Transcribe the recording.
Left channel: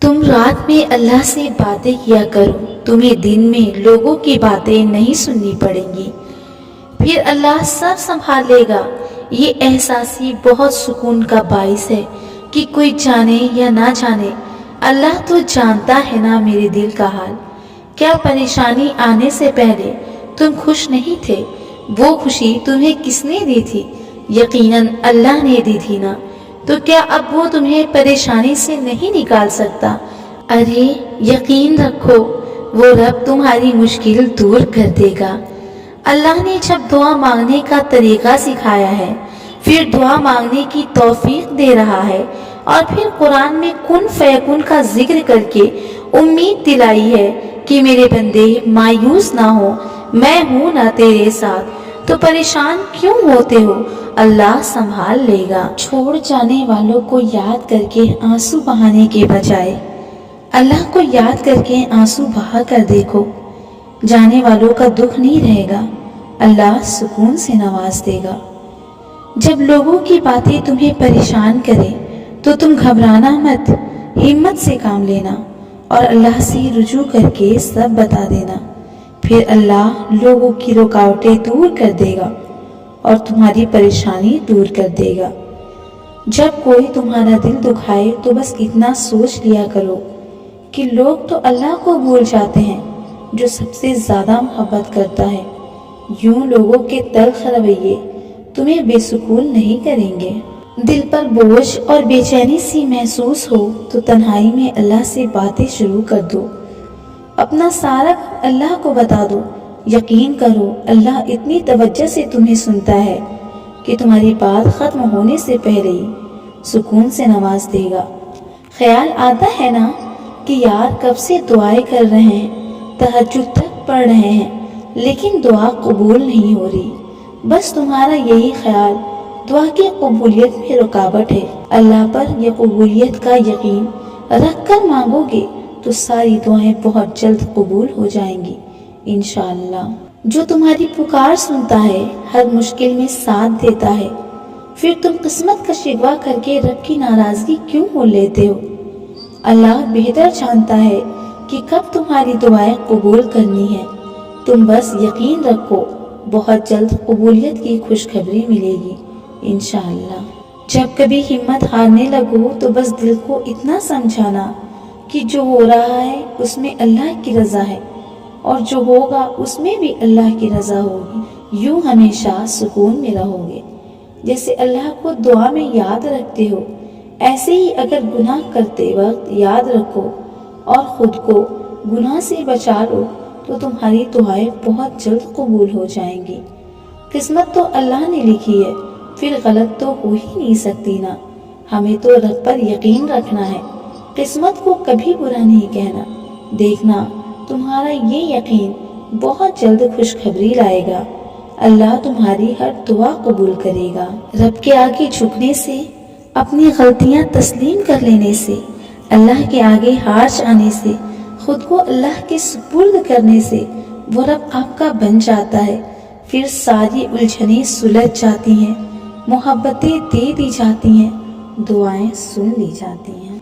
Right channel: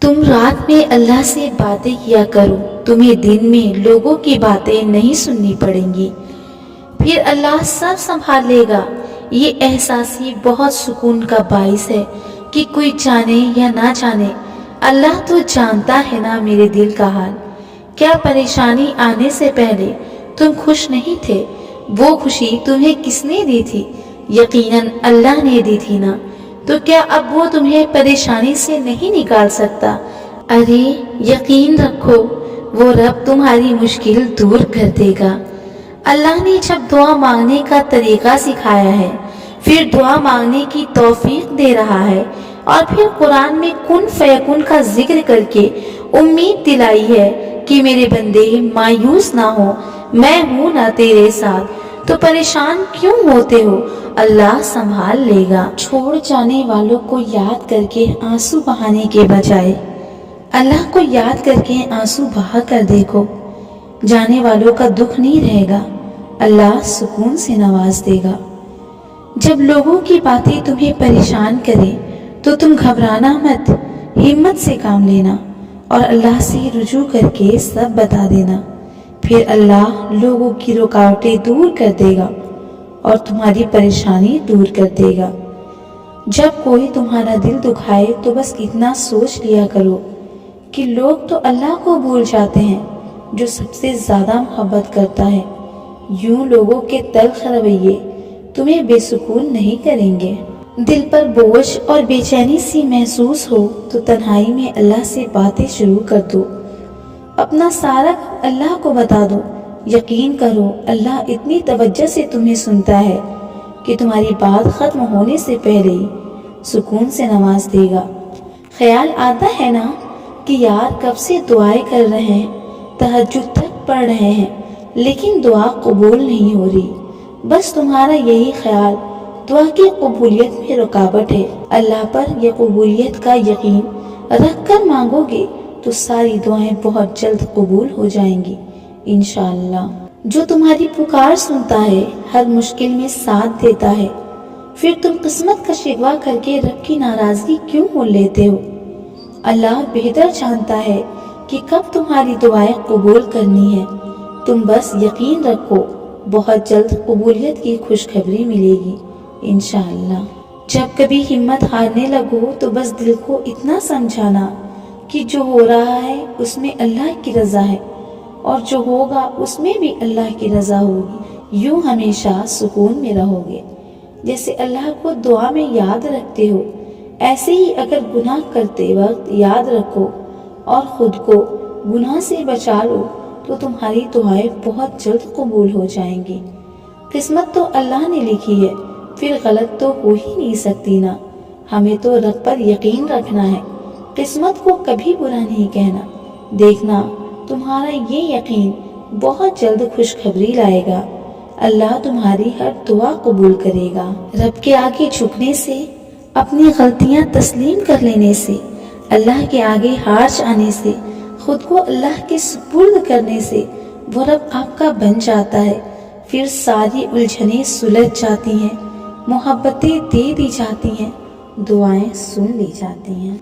تم رات میں اللہ سے باتیں کیا کرو، تمہیں دن میں لوگوں کی باتیں نہیں سننی پڑیں گی، پھر اللہ سب سنبھال لے گا۔ یہ احساسی بہت سکون کا باعث ہے کہ کوئی جانے یا نہ جانے، اللہ تو جانتا ہے نا میرے دل کا حال۔ کیا پریشانی آنے سے پہلے تم خوش نہیں تھے؟ وہ خوشی تمہیں کس نے دی تھی؟ یقیناً اللہ نے دی تھی نا، تو کیا اب وہ تمہیں پریشانی سے نہیں نکال سکتا؟ ارے یقین رکھو، وہ رب تمہاری مشکل دور کر دے گا۔ اللہ نے جب دعا مانگنے کا طریقہ سکھایا ہے، پھر دعا مانگنے کی توفیق دے رہا ہے، اور پھر قرآن میں کن فیکن کا ذکر کر کے امید دلائی ہے کہ میرے بندے مایوس نہ ہو، میں ہوں نا تیرے ساتھ، تو پریشان کیوں ہوتے ہو؟ اللہ سنبھال لے گا۔ چھوڑ جانے والوں کو یاد کر کے آنسو بہانے کے بجائے اللہ کو یاد کر کے آنسو بہا کر دیکھو، جانے والوں کا دکھ نہیں رہے گا، اللہ سکون سے نواز دے گا۔ جب لوگوں کی باتیں تمہیں پریشان کرے تو تم گھبرانا مت، ہمت سے کام لینا اور اللہ سے رجوع کر کے سب بتا دینا، پھر اللہ لوگوں کی رکاوٹیں دور کر دے گا اور تمہاری پریشانی دور کر دے گا۔ جب کوئی تمہارا دل دکھائے تو بس اتنا سوچ لیا کرو کہ لوگ تو اللہ کو بھول جاتے ہیں جو سب سے زیادہ محبت کرتا ہے۔ یوں لوگوں کے تلخ رویے تمہیں بے سکون نہیں کریں گے۔ دل پر بوجھ اور بے چینی سی محسوس ہو تو تنہائی میں اللہ سے باتیں شروع کر دو، اپنا سارا اللہ کو بتا دو۔ یقین کرو اللہ اتنی توجہ سے تمہیں سنتا ہے کہ تمہاری بات ختم ہونے سے پہلے ہی سکون سے نواز دے گا۔ خیال آتا ہے نا کہ یار کب سے دعائیں کر رہے ہیں، تہجد تک پڑھ رہے ہیں، لیکن دعا قبول نہیں ہو رہی۔ بس تمہارا یہی خیال دعا کی قبولیت میں رکاوٹ ہے۔ اللہ پر یہ قبولیت کا یقین رکھ کر مانگو گے تو ساری دعائیں بہت جلد قبول ہو جائیں گی انشاءاللہ۔ جو تمہاری پکار سنتا ہے، ہر مشکل میں ساتھ دیتا ہے، پھر تم قسمت کا شکوہ کر کے رب کی ناراضگی کیوں مول لیتے ہو؟ اللہ بہتر جانتا ہے کہ کب تمہاری دعائیں قبول کرنی ہے۔ تم بس یقین رکھو، بہت جلد قبولیت کی خوشخبری ملے گی انشاءاللہ۔ جب کبھی ہمت ہارنے لگو تو بس دل کو اتنا سمجھانا کہ جو ہو رہا ہے اس میں اللہ کی رضا ہے، اور جو ہوگا اس میں بھی اللہ کی رضا ہوگی۔ یوں ہمیشہ سکون میں رہو گے۔ جیسے اللہ کو دعا میں یاد رکھتے ہو، ایسے ہی اگر گناہ کرتے وقت یاد رکھو اور خود کو گناہ سے بچا لو تو تمہاری دعائیں بہت جلد قبول ہو جائیں گی۔ قسمت تو اللہ نے لکھی ہے، پھر غلط تو ہو ہی نہیں سکتی نا۔ ہمیں تو رب پر یقین رکھنا ہے، قسمت کو کبھی برا نہیں کہنا۔ دیکھنا تمہارا یہ یقین بہت جلد خوشخبری لائے گا۔ اللہ تمہاری ہر دعا قبول کرے گا۔ رب کے آگے جھکنے سے، اپنی غلطیاں تسلیم کر لینے سے، اللہ کے آگے ہار جانے سے، خود کو اللہ کے سپرد کرنے سے وہ رب آپ کا بن جاتا ہے۔ پھر ساری الجھنیں سلجھ جاتی ہیں، محبتیں دے دی جاتی ہیں، دعائیں سن لی جاتی ہیں۔